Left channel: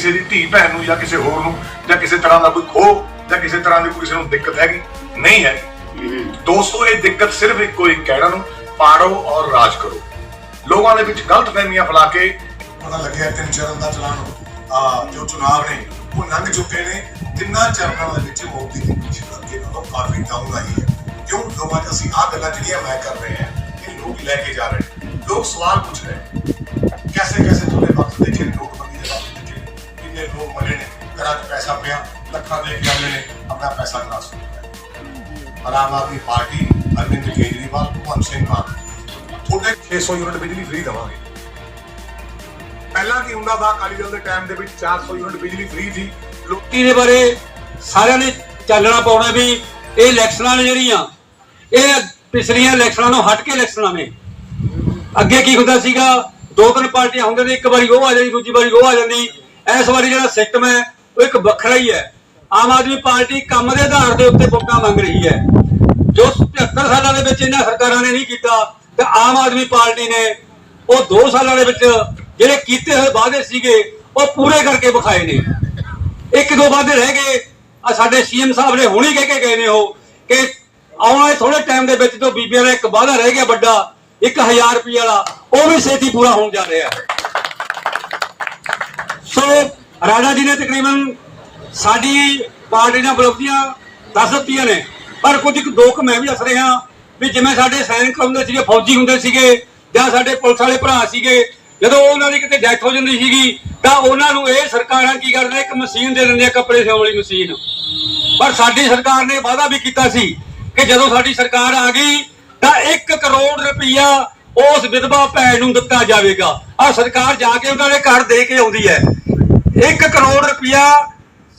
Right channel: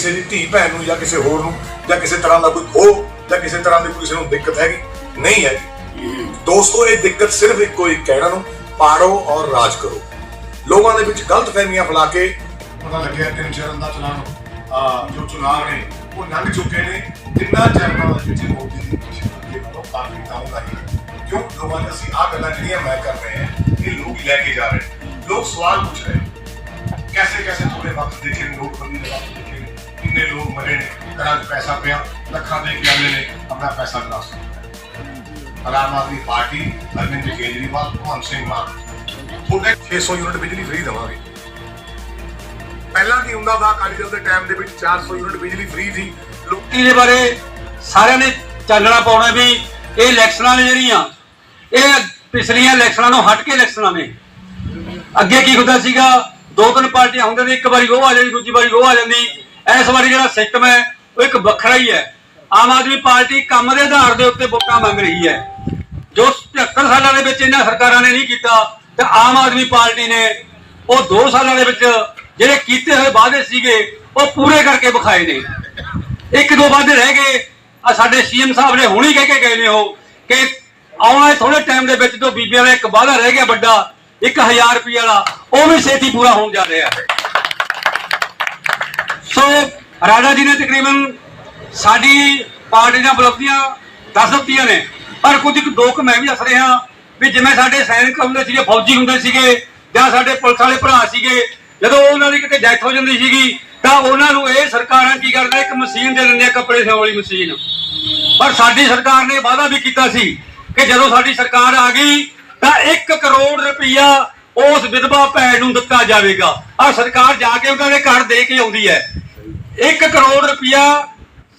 ਕਿਸੇ ਦੀ ਧੀ ਭੈਣ ਨੂੰ ਜਾਂ ਕਿਸੇ ਹੋਰ ਨੂੰ ਜਾਂ ਕਿਸੇ ਤਰ੍ਹਾਂ ਦਾ ਕੋਈ ਖੋਹ ਜਾਂ ਕਿਸੇ ਤਰ੍ਹਾਂ ਦੀ ਕਿਸੇ ਨੂੰ ਦਿੱਕਤ ਹੈਗੀ ਨਹੀਂ ਹੈ ਦੋਸਤੋ ਇਹ ਦਿੱਕਤ ਸਿਰਫ ਇੱਕੋ ਇੱਕ ਹੈ ਇਹਨਾਂ ਨੂੰ ਪਾੜੋ ਔਰ ਰਾਜ ਕਰੋ ਲੋਕਾਂ ਦੇ ਵਿੱਚ ਗਲਤ ਫਹਿਮੀਆਂ ਫੈਲਾ ਕੇ ਪਤਾ ਲੱਗਿਆ ਤਿੰਨ ਚਰਨ ਦਾ ਚਲਾਨ ਆ ਜੋ ਚੁਣਾਵ ਨੇ ਉਹ ਲੰਘ ਚੁੱਕੇ ਨੇ ਤਿੰਨਾਂ ਚਰਨਾਂ ਦੇ ਵਿੱਚ ਮੋਦੀ ਦੀ ਪਿੱਛੇ ਅੱਗੇ ਨਾਲੋਂ ਕਾਫੀ ਡਾਊਨ ਆਈ ਹੈ ਕਿਉਂ ਲੋਕਾਂ ਦੇ ਅਸੀਂ ਆਹ ਗੱਲਾਂ ਜਿਹੜੀਆਂ ਮੈਂ ਕਰ ਰਹੇ ਹਾਂ ਇਹ ਲੋਕ ਲੈ ਕੇ ਜਾ ਰਹੇ ਨੇ ਲੋਕ ਸਵਾਲ ਪੁੱਛ ਰਹੇ ਨੇ कैसे कैसे तुम्हें वक्त देखे नोटबंदी ਕਿੰਨੇ ਲੋਕ ਮਰੇ ਨੇ, ਘਰਾਂ ਪੈਸਾ ਪਿਆ, ਲੱਖਾਂ ਦੇ ਗਿਆਲੇ ਨੇ, ਆਪਣਾ ਪੈਸਾ ਗਰਾਸ ਕੀਤਾ। ਪਰ ਆਮ ਆਦਮੀ ਪਾਰਟੀ, ਅਰਵਿੰਦ ਕੇਜਰੀਵਾਲ, ਭਗਵੰਤ ਸਿੰਘ ਮਾਨ, ਤੁਹਾਡੇ 600 ਯੂਨਿਟ ਬਿਜਲੀ ਫ੍ਰੀ ਦੇਵਾਂਗੇ। ਪਹਿਲਾਂ ਕੀ ਹੁੰਦਾ ਸੀ ਅਕਾਲੀ ਦਲ ਦੇ ਟਾਈਮ ਦੇ ਵਿੱਚ 400 ਯੂਨਿਟ ਬਿਜਲੀ ਫ੍ਰੀ ਸੀ। ਲੋਕੀ ਦੇ ਬਾਰੇ ਸਾਰਿਆਂ ਨੇ ਚਾਨਣਾ ਪਾਉਣਾ ਵੀ ਇਹ ਇਲੈਕਸ਼ਨਾਂ ਨੇ ਜਿਹੜੀਆਂ, ਇਹ ਪਿਛਲੀਆਂ ਇਲੈਕਸ਼ਨਾਂ ਨੂੰ ਹਟ ਕੇ ਇਲੈਕਸ਼ਨਾਂ ਨੇ। ਅੱਗੇ ਕੀ ਹੁੰਦਾ ਸੀਗਾ, ਦੋ ਤਿੰਨ ਪਾਰਟੀਆਂ ਹੁੰਦੀਆਂ ਨੇ, ਇੱਕ ਵਾਰੀ ਉਹ ਆ ਜਾਂਦੀ, ਦੂਜੀ ਵਾਰੀ ਉਹ ਆ ਜਾਂਦੀ। ਇਸ ਵਾਰੀ ਜਿਹੜਾ ਸਿਸਟਮ ਹੈ, ਉਹ ਇੱਕ ਵੱਖਰਾ ਹੀ ਹੈ। ਆਮ ਆਦਮੀ ਪਾਰਟੀ ਕੰਮ ਦੇ ਆਧਾਰ ਦੇ ਉੱਤੇ ਵੋਟਾਂ ਮੰਗ ਰਹੀ ਹੈ। ਜੋ 75 ਸਾਲਾਂ ਦੇ ਵਿੱਚ ਇਹਨਾਂ ਸਰਕਾਰਾਂ ਨੇ ਨਹੀਂ ਕੀਤਾ, ਤੇ ਆਮ ਆਦਮੀ ਪਾਰਟੀ ਨੇ ਉਹ 2 ਸਾਲਾਂ ਦੇ ਵਿੱਚ ਜਿਹੜੇ ਕੀਤੇ ਹੋਏ ਵਾਅਦੇ ਸੀਗੇ, ਉਹ ਪੂਰੇ ਕਰਕੇ ਵਿਖਾਏ ਨੇ। ਇੱਕ ਦੋ ਵਾਅਦੇ ਰਹਿ ਗਏ। ਆ ਸਾਡੇ ਸੀਐਮ ਸਾਹਿਬ ਨੇ ਹੁਣੀ ਕਹਿ ਕੇ ਗਏ ਨੇ ਉਹ ਕਿ ਆਉਣ ਵਾਲੇ ਥੋੜੇ ਟਾਈਮ ਦੇ ਵਿੱਚ ਤੋਂ ਬੀਬੀਆਂ ਦਾ ਇੱਕ ਵਾਅਦਾ ਰਹਿ ਗਿਆ ਵੱਡਾ 1000 ਰੁਪਏ ਵਾਲਾ, ਉਹ ਵੀ ਛੇਤੀ ਪੂਰਾ ਹੋਣ ਜਾ ਰਿਹਾ ਹੈ। ਸੋ ਰਾਜਾ ਜੀ ਨੇ ਤਕਰੀਬਨ ਸਾਡੀ ਪਾਰਟੀ ਦੀਆਂ ਉਪਲਬਧੀਆਂ ਦੱਸ ਦਿੱਤੀਆਂ ਨੇ। ਪਰ ਕੁਝ ਕੁ ਦੋ ਕੁ ਮੈਂ ਵੀ ਦੱਸ ਰਿਹਾ ਵੀ ਜਿਵੇਂ ਸਾਡੇ ਸੈਨਿਕ ਹੁੰਦੇ ਸੀਗੇ, ਫੌਜੀ ਹੁੰਦੇ ਸੀਗੇ ਜਾਂ ਸਾਡੇ ਪੁਲਿਸ ਵਾਲੇ ਭਰਾ ਸੀਗੇ, ਜਦੋਂ ਉਹਨਾਂ ਦੀ ਕਿਤੇ ਡੈਥ ਹੋ ਜਾਂਦੀ ਸੀਗੀ, ਤਾਂ ਉਹਨਾਂ ਨੂੰ ਇਹ ਸਰਕਾਰਾਂ ਕੀ ਕਰਦਾ ਇੱਕ ਮਸ਼ੀਨ ਦੇ ਦਿੰਦੇ ਆ ਕੱਪੜੇ ਸਿਉਣ ਵਾਲੀ ਮਸ਼ੀਨ। ਪਰ ਸਾਡੀ ਸਰਕਾਰ ਨੇ ਵਾਅਦਾ ਵੀ ਕੀਤਾ ਸੀ ਕਿ ਜਦੋਂ ਸਾਡੀ ਸਰਕਾਰ ਆ ਗਈ, ਤਾਂ 1 ਕਰੋੜ ਰੁਪਈਆ ਉਸ ਵਿਧਵਾ ਭੈਣ ਨੂੰ ਦਿੱਤਾ ਜਾਵੇਗਾ। ਆ ਸਰਕਾਰ ਜਾ ਕੇ ਉਹਨਾਂ ਦੇ ਘਰ ਦੇ ਕੇ ਆਉਂਦੀ ਹੈ। 1 ਕਰੋੜ ਰੁਪਈਆ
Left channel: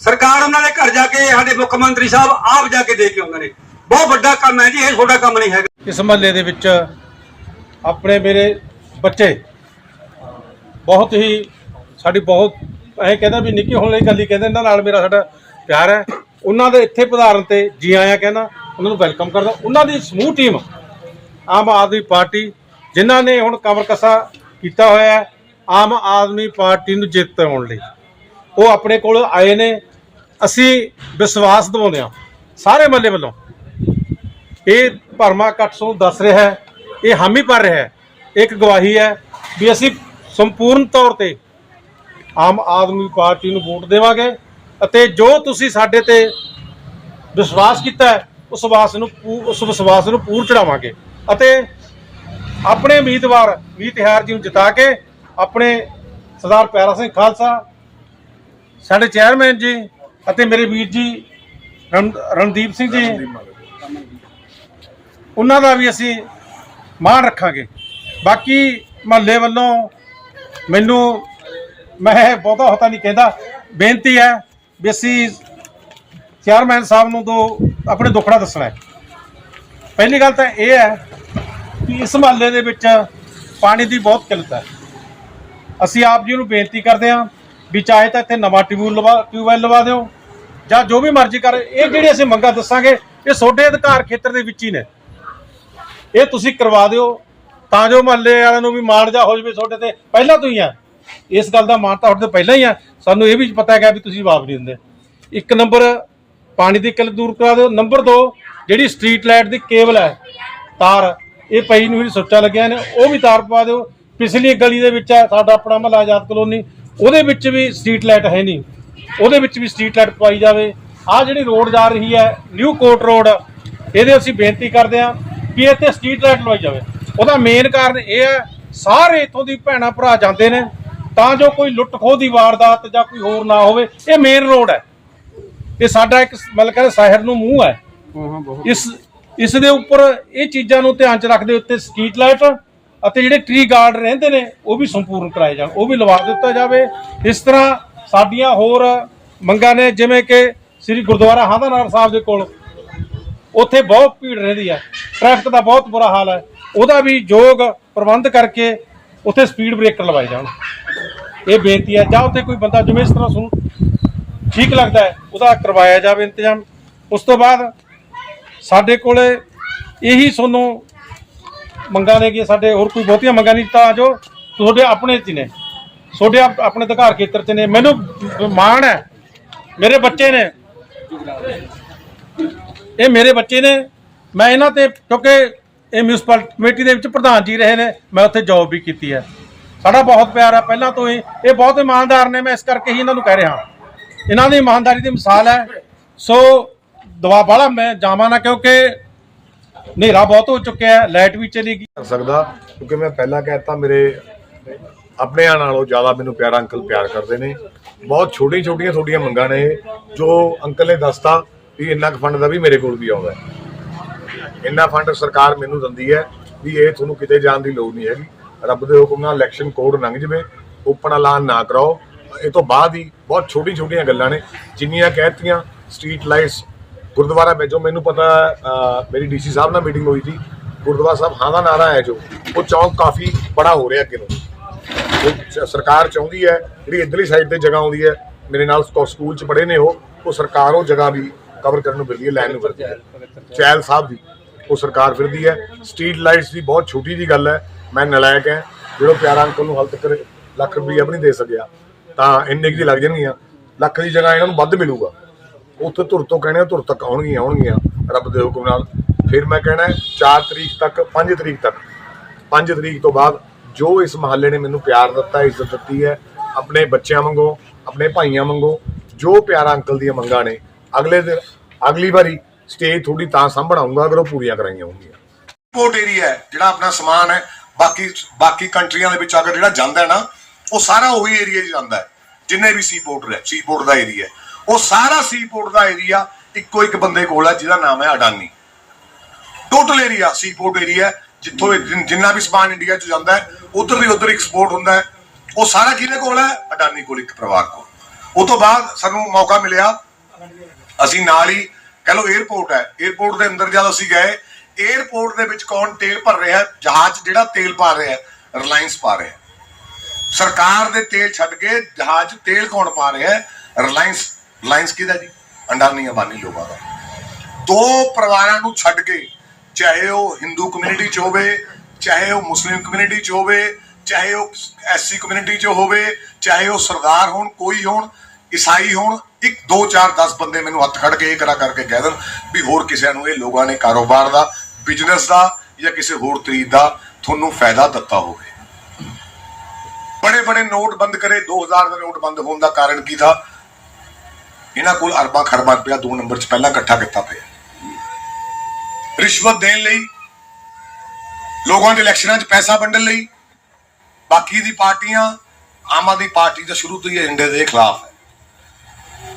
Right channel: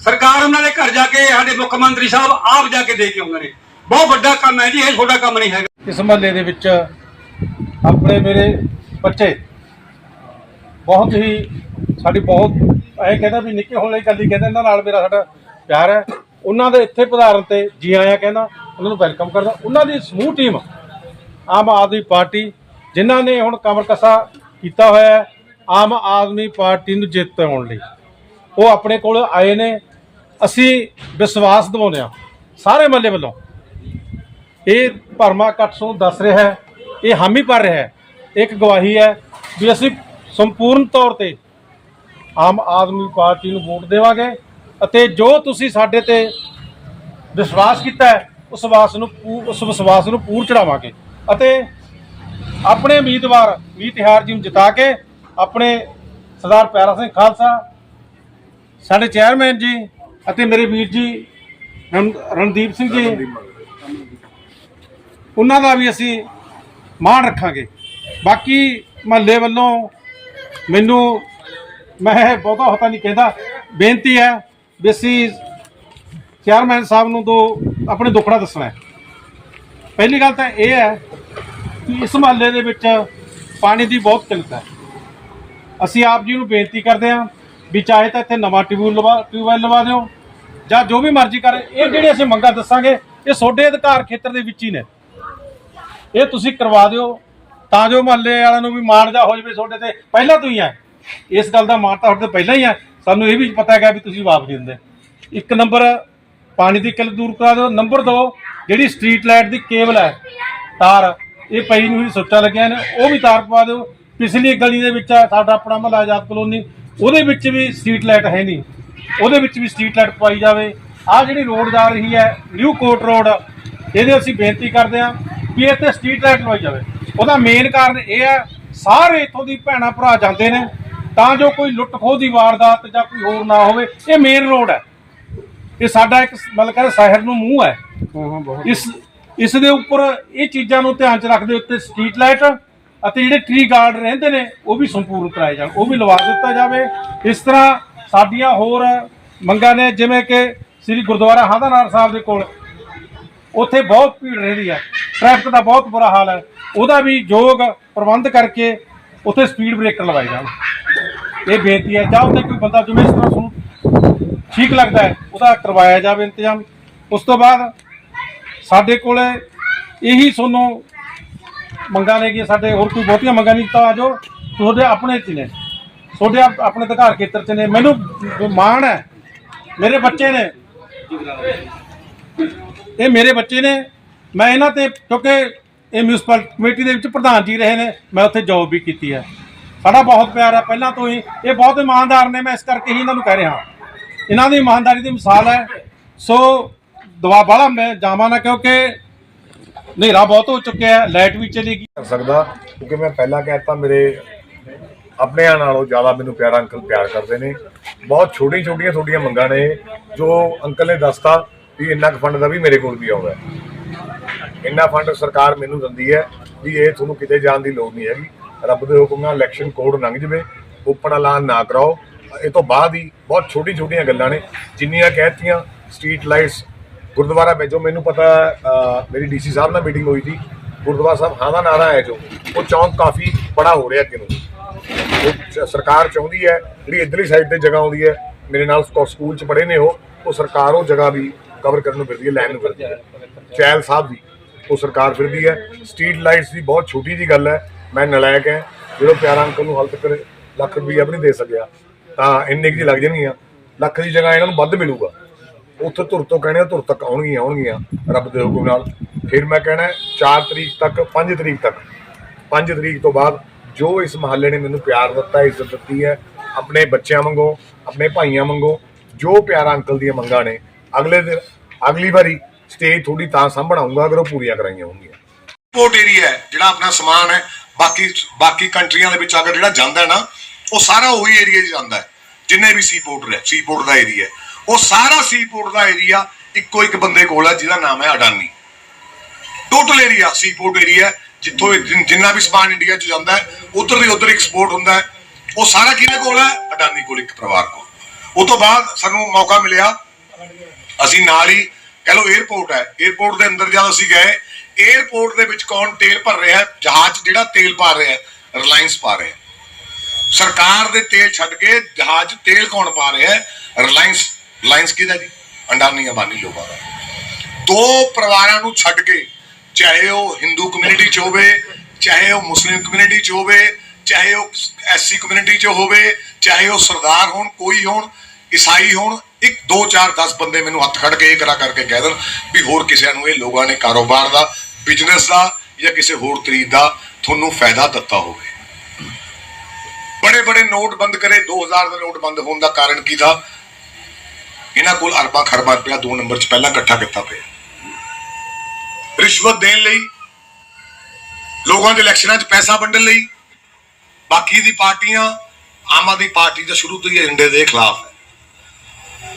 ਸਰਕਾਰ ਉਹਨਾਂ ਦੇ ਘਰ ਜਾ ਕੇ, ਸਾਡੇ ਮੁੱਖ ਮੰਤਰੀ ਸਾਹਿਬ ਆਪ ਜਾ ਕੇ ਦੇ ਕੇ ਆਉਂਦੇ ਨੇ। ਬਹੁਤ ਵੱਡਾ ਕੰਮ ਹੈ ਜੀ, ਇਹ ਛੋਟਾ ਕੰਮ ਨਹੀਂ ਹੈਗਾ। ਇਸ ਮਹੱਲੇ ਦੇ ਵਿੱਚ ਆਪਣੇ ਮੇਰੇ ਬੱਚੇ ਬਹੁਤ ਹੀ, ਸਾਡੀ ਬਹੁਤ ਐ ਕਹਿੰਦਾ ਵੀ ਨਿੱਕੀ ਹੋਣ ਲਈ ਕੱਲੀ ਕਹਿੰਦਾ, ਇਹਨਾਂ ਨਾਲ ਮੇਰਾ ਸਾਡਾ ਪਿਆਰ ਹੈ। ਉਹਨਾਂ ਦੇ ਇੱਥੇ ਪਧਾਰਨ ਤੇ ਜੀ ਆਇਆਂ ਕਹਿੰਦਾ, ਉਹਨਾਂ ਨੂੰ ਵੈਲਕਮ ਕਰਦਾ। ਉਹਨਾਂ ਦੀ ਸਮੂਹ ਟੀਮ, ਆਮ ਆਦਮੀ ਪਾਰਟੀ, ਜਿਨ੍ਹਾਂ ਨੇ ਹੁਣ ਕਮਰਕਸਾ ਕੀਤਾ ਹੋਇਆ ਆਮ ਆਦਮੀ ਪਾਰਟੀ ਨੂੰ ਜਿੱਤ ਆਉਣ ਲਈ। ਉਹ ਆਪਣੇ ਕੋਲ ਆਏ ਨੇ, ਅਸੀਂ ਵਿਸ਼ਵਾਸ ਦਿਵਾਉਂਦੇ ਹਾਂ, ਸਾਰੇ ਮੱਲੇ ਵੱਲੋਂ। ਇਹ ਭਰਮਾ ਇਕੱਠ ਨੂੰ ਦੱਸ ਰਿਹਾ ਹੈ, ਇਹ ਹਾਮੀ ਭਰ ਰਿਹਾ ਹੈ ਇੱਕ ਗਵਾਹੀ ਹੈ ਵੀ ਅਸੀਂ ਸੰਪੂਰਨ ਤੌਰ ਤੇ ਆਮ ਆਦਮੀ ਪਾਰਟੀ ਨੂੰ ਵੋਟ ਦੇਵਾਂਗੇ ਅਤੇ ਜੋ ਤੁਸੀਂ ਸਾਡੇ ਤੇ ਵਿਸ਼ਵਾਸ ਕੀਤਾ ਹੈ, ਉਸ ਵਿਸ਼ਵਾਸ ਨੂੰ ਪੂ- ਉਸ ਵਿਸ਼ਵਾਸ ਨੂੰ ਪੂਰ ਚੜਾਵਾਂਗੇ ਅਤੇ ਆਪਣੇ ਉਮੀਦਵਾਰ ਵੀ ਤਿਹਾਰ ਜੀ ਨੂੰ ਜਿਤਾ ਕੇ ਆਪਣੇ ਸਰਦਾਰ ਪਿਆਰਾ ਸਿੰਘ ਖਾਲਸਾ ਸਾਡੇ ਚੇਅਰਮੈਨ ਜੀ ਅਤੇ ਮੇਰੇ ਵੀਰ ਜੀ, ਰਣ- ਰਣਦੀਪ ਸਿੰਘ ਜੀ। ਉਹਨਾਂ ਦਾ ਵੀ ਅਸੀਂ ਮਾਣ ਰੱਖਾਂਗੇ। ਬਾਕੀ ਮਹੱਲੇ ਵੱਲੋਂ ਮੈਨੂੰ, ਮੈਂ ਬਹੁਤਾ ਹੋਤਾ ਨਹੀਂ ਕਹਿੰਦਾ, ਬੇਨਤੀ ਹੈ ਵੀ ਅਸੀਂ ਚੇਅਰਮੈਨ ਸਾਹਿਬ ਨੂੰ ਦੋ ਆਪਣੇ ਦੁੱਖੜਾ ਦੱਸਣਾ ਹੈ। ਪਹਿਲੀ ਗੱਲ ਤਾਂ ਇਹ ਹੈ ਕਿ ਇਸ ਮਹੱਲੇ ਦੇ ਵਿੱਚ ਪਾਣੀ ਦੀ ਬਹੁਤ ਕਿੱਲਤ ਹੈ। ਅਸੀਂ ਆਪ ਜੀ ਨੂੰ ਬੇਨਤੀ ਕਰਦੇ ਹਾਂ ਵੀ ਚਾਹੇ ਤਾਂ ਇੱਥੇ ਨਵਾਂ ਟਿਊਬਵੈਲ ਲਵਾ ਟਿਊਬਵੈਲ ਲਵਾ ਦਿਓ, ਜਾਂ ਜੋ ਵੀ ਮਰਜ਼ੀ ਕਰ, ਇਹ ਜਿਹੜੀ ਅਸੀਂ ਮੰਗਾਂ ਦੱਸਾਂਗੇ, ਇਹ ਤੁਹਾਡੇ ਅਧਿਕਾਰ ਖੇਤਰ ਦੇ ਵਿੱਚ ਹੀ ਨੇ। ਇਹ ਤੁਸੀਂ ਕਰਵਾ ਦਿਓ, ਤਾਂ ਜੋ ਮਹੱਲੇ ਵਾਲਿਆਂ ਨੂੰ ਵੀ ਮਾਣ ਜਾ ਹੋ ਜਵੇ ਤੁਹਾਡੇ ਤੇ। ਪਹਿਲਾਂ ਤੋਂ ਹੀ ਹੈ। ਇਸ ਗੱਲ ਦਾ ਮਾਣ ਤਾਂ ਤੁਹਾਡੇ ਤੋਂ ਪਹਿਲਾਂ ਹੀ ਹੈ। ਸਾਨੂੰ ਇਹ ਵੀ ਪਤਾ ਹੈਗਾ ਵੀ ਤੁਸੀਂ ਜਵਾਬ ਨਹੀਂ ਦਿੰਦੇ। ਇੱਕ ਨੰਬਰ, ਪਾਣੀ ਦੀ ਕਿੱਲਤ ਦੂਰ ਕਰਾ ਦਿਓ। ਨੰਬਰ 2 ਜਿਹੜੀ ਸਟਰੀਟ ਲਾਈਟ ਦੀ ਕੇਬਲ ਹੈ, ਤਾਰ, ਇਹ ਪਈ ਨੂੰ ਜਿਹੜੀ ਸੁੱਚਾ ਲੱਗਿਆ ਨੇ, ਉਹ ਵੀ ਤਾਰ ਪਵਾ ਦਿਓ। ਪਿਛਲੀ ਗਲੀ ਦੇ ਵਿੱਚ ਹੈ, ਸਾਡਾ ਆਪਣਾ ਮਹੱਲਾ ਆਜ਼ਾਦ ਕਲੋਨੀ। ਉਹਦੇ ਵਿੱਚ ਵੀ ਸਟਰੀਟ ਲਾਈਟ ਹੈ ਨਹੀਂ। ਉਹਦੇ ਵਿੱਚ ਵੀ ਸਟਰੀਟ ਲਾਈਟ ਪਵਾਈ ਜਾਵੇ। ਆਹ ਜਿਹੜੀ ਰੋਡ ਜਾ ਰਹੀ ਹੈ ਨਿਊ ਕੋਟ ਰੋਡ ਇਹਦੇ ਅਸੀਂ ਬੇਨਤੀ ਕਰਦੇ ਹਾਂ ਕਿ ਇੱਥੇ ਸਟਰੀਟ ਲਾਈਟ ਲਵਾਈ ਜਾਵੇ। ਉਹਦਾ ਮੇਨ ਕਾਰਨ ਇਹ ਹੈ ਸਾਰੇ ਇੱਥੋਂ ਦੀ ਭੈਣਾਂ ਭਰਾ ਜਾਂਦੇ ਨੇ ਤਾਂ ਜੋ ਕੋਈ ਲੁੱਟ ਖੋਹ ਦੀ ਵਾਰਦਾਤ ਜਾਂ ਕੋਈ ਹੋਰ ਨਾ ਹੋਵੇ ਇਹ ਮੇਨ ਰੋਡ ਹੈ। ਇਹ ਸਾਡਾ ਇੱਕ ਮਤਲਬ ਕਹਿੰਦੇ ਸ਼ਹਿਰ ਨੂੰ ਮੂੰਹ ਹੈ। ਇਸ ਇਸ ਦੇ ਉੱਪਰ ਇਹ ਚੀਜ਼ਾਂ ਨੂੰ ਧਿਆਨ ਚ ਰੱਖਦੇ ਉੱਤੇ ਸਟਰੀਟ ਲਾਈਟ ਅਤੇ ਜਿਹੜੇ ਟ੍ਰੀ ਗਾਰਡ ਰਹਿੰਦੇ ਨੇ, ਉਹ ਵੀ ਸੰਪੂਰਨ ਕਰਾਏ ਜਾਣ। ਉਹ ਵੀ ਲਵਾ ਦਿੱਤਾ ਜਾਵੇ। ਇਸ ਤਰ੍ਹਾਂ ਸਾਡੀਆਂ ਹੋਰ ਮੰਗਾਂ ਨੇ, ਜਿਵੇਂ ਕਿ ਸ੍ਰੀ ਗੁਰਦੁਆਰਾ ਹਾਂਦਾਨਾਰ ਸਾਹਿਬ ਦੇ ਕੋਲ, ਉੱਥੇ ਬਹੁਤ ਭੀੜ ਰਹਿੰਦੀ ਹੈ। ਟ੍ਰੈਫਿਕ ਦਾ ਬਹੁਤ ਬੁਰਾ ਹਾਲ ਹੈ। ਉਹਦਾ ਵੀ ਯੋਗ ਪ੍ਰਬੰਧ ਕਰਕੇ ਉੱਥੇ ਸਪੀਡ ਬ੍ਰੇਕਰ ਲਵਾਏ ਜਾਣ। ਇਹ ਬੇਨਤੀ ਹੈ। ਜਾਂ ਉੱਥੇ ਕੋਈ ਬੰਦਾ ਜਿਵੇਂ ਇਸ ਤਰ੍ਹਾਂ ਸੁਣ, ਠੀਕ ਲੱਗਦਾ ਹੈ, ਉਹਦਾ ਕਰਵਾਇਆ ਜਾਵੇ ਇੰਤਜ਼ਾਮ। ਉਸ ਤੋਂ ਬਾਅਦ ਸਾਡੇ ਕੋਲੇ ਇਹੀ ਤੁਹਾਨੂੰ ਮੰਗਾਂ ਨੇ ਕਿ ਸਾਡੇ ਹੋਰ ਕੋਈ ਬਹੁਤੀਆਂ ਮੰਗਾਂ ਨਹੀਂ, ਤਾਂ ਜੋ ਤੁਹਾਡੇ ਆਪਣੇ ਚ ਨੇ। ਤੁਹਾਡੇ ਆਪ- ਆਪਣੇ ਅਧਿਕਾਰ ਖੇਤਰ 'ਚ ਨੇ। ਮੈਨੂੰ ਮਾਣ ਹੈ, ਮੇਰੇ ਬੱਚੇ ਨੇ। ਇਹ ਮੇਰੇ ਬੱਚੇ ਨੇ। ਮੈਂ ਇਹਨਾਂ ਤੇ, ਕਿਉਂਕਿ ਇਹ ਮਿਊਨਿਸਪਲ ਕਮੇਟੀ ਦੇ ਵਿੱਚ ਪ੍ਰਧਾਨ ਜੀ ਰਹੇ ਨੇ, ਮੈਂ ਉੱਥੇ ਜੌਬ ਵੀ ਕੀਤੀ ਹੈ। ਸਾਡਾ ਬਹੁਤ ਪਿਆਰ ਹੈ ਪਹਿਲਾਂ ਤੋਂ ਹੀ। ਇਹ ਬਹੁਤ ਇਮਾਨਦਾਰ ਨੇ, ਮੈਂ ਇਸ ਕਰਕੇ ਹੀ ਇਹਨਾਂ ਨੂੰ ਕਹਿ ਰਿਹਾ। ਇਹਨਾਂ ਦੀ ਇਮਾਨਦਾਰੀ ਦੀ ਮਿਸਾਲ ਹੈ। ਸੋ ਦਵਾ ਵਾਲਾ ਮੈਂ ਜਾਵਾਂ ਨਾ, ਕਿਉਂਕਿ ਹਨੇਰਾ ਬਹੁਤ ਹੋ ਚੁੱਕਿਆ ਹੈ, ਲਾਈਟ ਵੀ ਚਲੀ ਗਈ। ਕਰ ਸਕਦਾ, ਕਿਉਂਕਿ ਮੈਂ ਪਹਿਲਾਂ ਕਹਿਤਾ ਮੇਰੇ ਆਪਣਿਆਂ ਨਾਲੋਂ ਜ਼ਿਆਦਾ ਮੈਨੂੰ ਪਿਆਰਾ ਅੰਕਲ ਪਿਆਰ ਕਰਦੇ ਨੇ। ਬਹੁਤ ਛੋਟੀਆਂ ਛੋਟੀਆਂ ਤੁਹਾਡੀਆਂ ਮੰਗਾਂ ਨੇ, ਜੋ ਅੰਕਲ ਨੇ ਦੱਸਤਾ ਵੀ ਇੰਨਾ ਕੁ ਫੰਡ ਦਾ ਵੀ ਮੇਰੇ ਕੋਲ ਵੀ ਆਉਂਦਾ ਹੈ। ਇੰਨਾ ਫੰਡ ਸਰਕਾਰ ਮੈਨੂੰ ਦਿੰਦੀ ਹੈ ਵੀ ਇਹ ਤੁਹਾਨੂੰ ਕਿਤੇ ਜਾਣ ਦੀ ਲੋੜ ਨਹੀਂ ਹੈਗੀ। ਰੱਬ ਦੇ ਹੁਕਮ ਨਾਲ ਇਲੈਕਸ਼ਨ ਕੋਡ ਲੰਘ ਜਵੇ, ਓਪਨ ਐਲਾਨ ਨਾ ਕਰਾਓ। ਇਹ ਤੋਂ ਬਾਅਦ ਹੀ ਬਹੁਤ ਛੋਟੀ ਛੋਟੀਆਂ ਗੱਲਾਂ ਨੇ, ਜਿੰਨੀਆਂ ਕਹਿਤੀਆਂ ਸਟਰੀਟ ਲਾਈਟਸ ਗੁਰਦੁਆਰਾ ਵਿੱਚ ਜੋ ਮੈਨੂੰ ਪਤਾ ਅਹ, ਮੇਰੀ ਡੀਸੀ ਸਾਹਿਬ ਨਾਲ ਮੀਟਿੰਗ ਹੋਈ ਸੀ। ਗੁਰਦੁਆਰਾ ਸਾਹਿਬ ਹਾਂ ਦਾ ਨਾਰਾ ਹੈ ਜੋ ਉਹ ਚੌਂਕ ਕਾਫੀ ਬੜਾ ਹੋ ਰਿਹਾ ਅੱਗੇ ਨੂੰ। ਉਹ ਸ- ਸਰਕਾਰ ਚਾਹੁੰਦੀ ਹੈ ਜਿਹੜੀ ਇਧਰਲੀ ਸਾਈਡ ਤੇ ਜਗ੍ਹਾ ਆਉਂਦੀ ਹੈ ਮੇਰੇ ਨਾਲ ਸਕੂਲ ਚ ਪੜ੍ਹੇ ਨੇ ਉਹ ਉਹ ਸਰਕਾਰ ਉਹ ਜਗ੍ਹਾ ਵੀ ਕਵਰ ਕਰਨ ਨੂੰ ਫਿਰਦੀ ਹੈ ਲੈਣ ਨੂੰ ਫਿਰਦੀ ਹੈ। ਚੈਲ ਸਾਹਿਬ ਦੀ ਉਹ ਸਰਕਾਰ ਫਿਰਦੀ ਹੈ। ਸਟਰੀਟ ਲਾਈਟਸ ਦੀ ਬਹੁਤ ਛੋਟੀ ਜੀ ਗੱਲ ਹੈ ਮੈਂ ਨਲਾਇਕ ਹੈ। ਜਿਹੜਾ ਪਿਆਰਾ ਅੰਕਲ ਨੂੰ ਹਾਲ ਤੱਕ ਲੱਖ ਰੁਪਈਆ ਵੀ ਨਹੀਂ ਦੇ ਸਕਿਆ ਤਾਂ ਇੰਨੇ ਕੁ ਜੀ ਲੱਗ ਜਾਣਗੀਆਂ। ਲੱਖ ਦੀ ਜਗ੍ਹਾ ਇਹਨਾਂ ਨੂੰ ਵੱਧ ਮਿਲੂਗਾ। ਉੱਥੇ ਧੁਰ ਤੋਂ ਕਹਿਣੇ ਧੁਰ ਤੱਕ ਆਉਣਗੀਆਂ ਆਉਣਗੀਆਂ। ਰੱਬ ਦੇ ਹੁਕਮ ਨਾਲ। ਫਿਰ ਮੈਂ ਕਹਿਣਾ 4 ਤਰੀਕ ਤੱਕ 5 ਤਰੀਕ ਤੱਕ। 5 ਤਰੀਕ ਤੋਂ ਬਾਅਦ ਜੋ ਇਸ ਮਹੱਲੇ ਨੇ ਮੈਨੂੰ ਪਿਆਰ ਦਿੱਤਾ, ਇੱਜ਼ਤ ਦਿੱਤੀ ਹੈ, ਆਪਣੇ ਬੱਚਿਆਂ ਵਾਂਗੋ, ਆਪਣੇ ਭਾਈਆਂ ਵਾਂਗੂ, ਜੋ ਪਿਆਰਾ ਅੰਕਲ ਦੀਆਂ ਮੰਗਾਂ ਨੇ, ਅਗਲੇ ਦਿਨ, ਅਗਲੀ ਵਾਰੀ ਸਟੇਜ ਥੋੜੀ ਤਾਂ ਸੰਭਣਾਉਂਗਾ ਅਗਰ ਉਹ ਪੂਰੀਆਂ ਕਰਾਈਆਂ ਹੋਣਗੀਆਂ। ਪੋਰਟ ਏਰੀਆ ਹੈ, ਜਿਹੜਾ ਆਪਣਾ ਸਮਾਨ ਹੈ, ਬਾਕੀ ਬਾਕੀ ਕੰਟਰੀਆਂ ਦੇ ਵਿੱਚ ਅਗਰ ਜਿਹੜਾ ਜਾਂਦਾ ਹੈ ਨਾ, ਉਹ ਸਾਰਾ ਉਹੀ ਏਰੀਆ 'ਚ ਜਾਂਦਾ ਹੈ, ਜਿੰਨੇ ਵੀ ਸੀ ਪੋਰਟ ਹੈ ਸੀ ਪੋਰਟ ਦਾ ਏਰੀਆ ਉਹ ਸਾਰਾ ਸੀਪੋਰਟ ਦਾ ਏਰੀਆ ਇੱਕੋ ਇੱਕ ਬੰਦੇ ਕੋਲ ਹੈ ਜਿਹਦਾ ਨਾਮ ਹੈ Adani. Total area seaport area ਜਿੱਥੋਂ ਜਿੰਨਾ ਵੀ ਸਮਾਨ ਇੰਡੀਆ ਚ ਜਾਂਦਾ ਹੈ, ਉਧਰ ਦੀ ਉਧਰ ਐਕਸਪੋਰਟ ਹੁੰਦਾ ਹੈ। ਉਹ ਸਾਰਾ ਕਿਹਦੇ ਕੋਲ ਹੈ? ਅਡਾਨੀ ਕੋਲ, ਇੱਕ ਪਰਿਵਾਰ ਕੋਲ। ਉਹ ਤੋਂ ਬਾਅਦ ਸਾਨੂੰ ਮੌਕਾ ਮਿਲਿਆ। ਅਸੀਂ ਨਾਲ ਹੀ, ਕਹ ਲੋ 에어ਪੋਰਟ ਹੈ। 에어ਪੋਰਟ ਦੇ ਅੰਦਰ ਜਦ ਅਸੀਂ ਗਏ 에어ਪੋਰਟ ਦੇ ਵਿੱਚ ਕੌਣ ਤੇਲ ਭਰ ਰਿਹਾ ਹੈ? ਜਹਾਜ਼ ਜਿਹੜਾ ਤੇਲ ਪਾ ਰਿਹਾ ਹੈ ਰਿਲਾਇੰਸ ਪਾ ਰਿਹਾ ਹੈ। ਸਰਕਾਰ ਦੇ ਤੇਲ ਛੱਡ ਕੇ ਜਹਾਜ਼ ਤੇਲ ਕੌਣ ਪਾ ਰਿਹਾ ਹੈ? ਰਿਲਾਇੰਸ ਰਿਲਾਇੰਸ ਕਿਹਦਾ ਜੀ? ਅੰਡਾਨੀ ਅੰਬਾਨੀ ਲੋਕਾਂ ਦਾ। ਦੋ ਪਰਿਵਾਰਾਂ ਨੂੰ ਛੱਡ ਕੇ, ਚਾਹੇ ਉਹ ਹਿੰਦੂ ਕਮਿਊਨਿਟੀ 'ਚ ਹੋਵੇ, ਚਾਹੇ ਉਹ ਮੁਸਲਿਮ ਕਮਿਊਨਿਟੀ 'ਚ ਹੋਵੇ, ਚਾਹੇ ਉਹ ਐਸਸੀ ਕਮਿਊਨਿਟੀ 'ਚ ਹੋਵੇ, ਚਾਹੇ ਉਹ ਸਰਦਾਰ ਹੋਣ, ਕੋਈ ਹੋਣ, ਈਸਾਈ ਹੋਣ, ਇੱਕ 2 4 10 ਬੰਦੇ ਮੈਨੂੰ ਹੱਥ ਖੜ ਕੇ ਇਹ ਕਰਾ ਕਰਕੇ ਕਹਿ ਦੇਣ ਵੀ ਹੋਰ ਕਿਸੇ ਨੂੰ ਇਹ ਲੋਕਾਂ ਨੇ ਕਾਰੋਬਾਰ ਦਾ ਬਿਜ਼ਨਸ ਦਾ ਜਾਂ ਕਿਸੇ ਹੋਰ ਤਰੀਕ ਦਾ ਤੁਹਾਨੂੰ ਫਾਇਦਾ ਦਿੱਤਾ ਹੋਵੇ। ਬੜੇ ਬੜੇ ਨੋਟ ਬੰਦ ਕਰੇ 2000 ਦਾ ਨੋਟ ਬੰਦ ਹੋਣ ਦਾ ਕਾਰਨ ਕੀ ਥਾ ਇਹਨਾਂ ਕੋਲ ਅਰਬਾਂ ਖਰਬਾਂ ਰੁਪਇਆ ਦੋ ਨੰਬਰ 'ਚ ਪਹਿਲਾਂ ਇਕੱਠਾ ਕੀਤਾ ਪਿਆ। ਰਿਸ਼ਵਤ ਦੇਣ ਲਈ, ਲੋਕਾਂ ਦੇ ਇਲੈਕਸ਼ਨਾਂ 'ਚ ਪੈਸਾ ਵੰਡਣ ਲਈ, ਬਾਕੀ ਦੀ ਪਾਰਟੀਆਂ ਆਮ ਆਦਮੀ ਪਾਰਟੀ ਦਾ ਸ਼ੁਰੂ ਤੋਂ ਹੀ ਏਜੰਡੇ ਦੇ ਖਿਲਾਫ ਹੈ।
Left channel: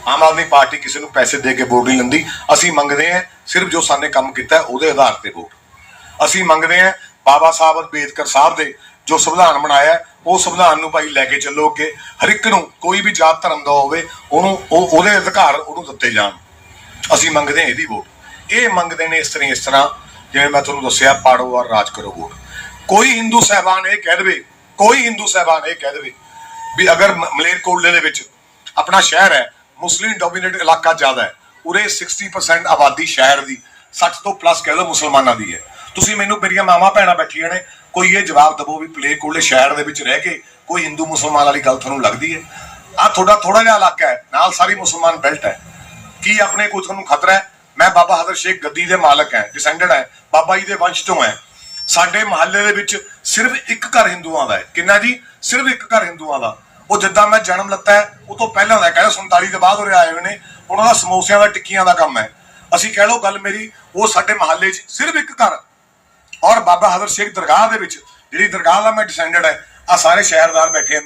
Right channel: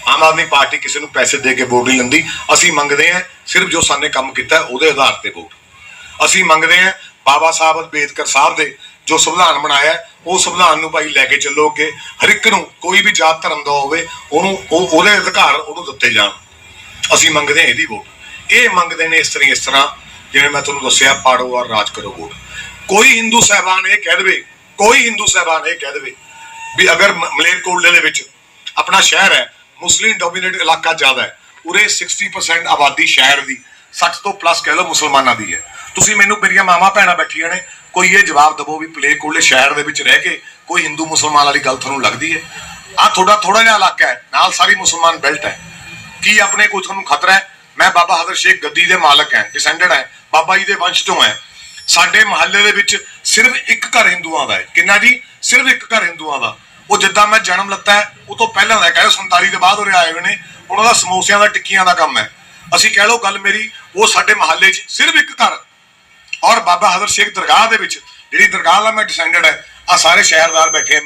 ਆਮ ਆਦਮੀ ਪਾਰਟੀ ਕਿਸੇ ਨੂੰ ਪੈਸੇ ਦੇ ਕੇ ਵੋਟ ਨਹੀਂ ਲੈਂਦੀ ਅਸੀਂ ਮੰਗਦੇ ਹਾਂ, ਸਿਰਫ ਜੋ ਸਾਨੇ ਕੰਮ ਕੀਤਾ ਉਹਦੇ ਆਧਾਰ ਤੇ ਵੋਟ। ਅਸੀਂ ਮੰਗਦੇ ਹਾਂ ਬਾਬਾ ਸਾਹਿਬ ਅੰਬੇਦਕਰ ਸਾਹਿਬ ਦੇ ਜੋ ਸੰਵਿਧਾਨ ਬਣਾਇਆ, ਉਹ ਸੰਵਿਧਾਨ ਨੂੰ ਭਾਈ ਲੈ ਕੇ ਚੱਲੋ ਅੱਗੇ। ਹਰ ਇੱਕ ਨੂੰ ਕੋਈ ਵੀ ਜਾਤ ਧਰਮ ਦਾ ਹੋਵੇ, ਉਹਨੂੰ, ਉਹ, ਉਹਦੇ ਅਧਿਕਾਰ ਉਹਨੂੰ ਦਿੱਤੇ ਜਾਣ। ਅਸੀਂ ਮੰਗਦੇ ਹਾਂ ਇਹਦੀ ਵੋਟ। ਇਹ ਮੰਗਦੇ ਨੇ ਇਸ ਤਰ੍ਹਾਂ ਇਸ ਤਰ੍ਹਾਂ। ਜਿਵੇਂ ਮੈਂ ਤੁਹਾਨੂੰ ਦੱਸਿਆ, ਪਾੜੋ ਔਰ ਰਾਜ ਕਰੋ ਵੋਟ। ਕੋਈ ਹਿੰਦੂ ਸਹਿਬਾਨ ਇਹ ਕਹਿ ਦੇਵੇ, ਕੋਈ ਹਿੰਦੂ ਸਹਿਬਾਨ ਇਹ ਕਹਿ ਦੇਵੇ ਵੀ ਅਗਰ ਮਲੇਰਕੋਟਲੇ ਦੇ ਵਿੱਚ ਆਪਣਾ ਸ਼ਹਿਰ ਹੈ, ਮੁਸਲਿਮ ਡੋਮੀਨੇਟ ਇਲਾਕਾ ਜ਼ਿਆਦਾ ਹੈ, ਉਰੇ 60% ਆਬਾਦੀ ਸ਼ਹਿਰ ਦੀ 60 ਤੋਂ ਪਲੱਸ ਕਹਿ ਲਓ ਮੁਸਲਮਾਨਾਂ ਦੀ ਹੈ। ਤੁਸੀਂ ਮੈਨੂੰ ਮੇਰੀਆਂ ਮਾਵਾਂ ਭੈਣਾਂ ਬੈਠੀਆਂ ਨੇ ਕੋਈ ਇਹ ਜਵਾਬ ਦਵੋ ਵੀ ਪਲੇ ਕੋਲੇ ਸ਼ਹਿਰ ਦੇ ਵਿੱਚ ਰਹਿ ਕੇ ਕੋਈ ਹਿੰਦੂ ਮੁਸਲਮਾਨ ਵਾਲੀ ਗੱਲ ਤੁਹਾਨੂੰ ਲੱਗਦੀ ਹੈ? ਆ ਤੁਹਾਡਾ ਥੋੜਾ ਜਿਹਾ ਇਲਾਕਾ ਹੈ ਨਾਲ ਸਾਰੀ ਮੁਸਲਮਾਨ ਬੈਲਟ ਹੈ। ਕੀ ਆਪਣੇ ਕੋਈ ਤੁਹਾਨੂੰ ਖਤਰਾ ਹੈ? ਮੈਂ ਬਾਬਾ ਹਜ਼ਰ ਸ਼ੇਖ ਗੱਦੀ ਦੇ ਮਾਲਕ ਹੈ ਡਿਸੈਂਡਡ ਹੈ ਬਾਬਾ ਜੀ ਦੇ ਵੰਸ਼ ਤੋਂ ਹੈ। ਸਾਡੇ ਮਹੱਲੇ ਦੇ ਵਿੱਚ ਸਿਰਫ ਇੱਕ ਘਰ ਹਿੰਦੂਆਂ ਦਾ ਹੈ। ਕਿੰਨਾ ਜੀ? ਸਿਰਫ ਇੱਕ ਘਰ ਹਿੰਦੂਆਂ ਦਾ। ਉਹ ਜਿੱਦਾਂ ਮੈਂ ਜਨਮ ਲੱਤਾ ਹੈ ਉਹ ਤੋਂ ਪਹਿਲਾਂ ਦਾ ਹੈ, ਕਹਿੰਦੇ 47 ਦੇ ਬਾਅਦ ਉਰੇ ਆਏ ਹੋਏ ਨੇ। ਉਹਨਾਂ ਦਾ ਸਮੋਸਿਆਂ ਦਾ ਟਿੱਕੀਆਂ ਦਾ ਕੰਮ ਹੈ। ਅਸੀਂ ਕਹਿ ਲਓ ਗੱਲ ਮੇਰੀ ਉਹ ਸਾਡੇ ਮਹੱਲੇ 'ਚ ਸਿਰਫ ਇੱਕ ਘਰ। ਔਰ ਬਾਬਾ ਹਜ਼ਰ ਸ਼ੇਖ ਦਰਗਾਹ ਦੇ ਵਿੱਚ, ਜਿਹੜੀ ਦਰਗਾਹ ਦਾ ਮੈਂ ਡਿਸੈਂਡਡ ਹੈ ਆ ਸਾਰੇ ਸ਼ਹਿਰਦਾਰ ਬੈਠੇ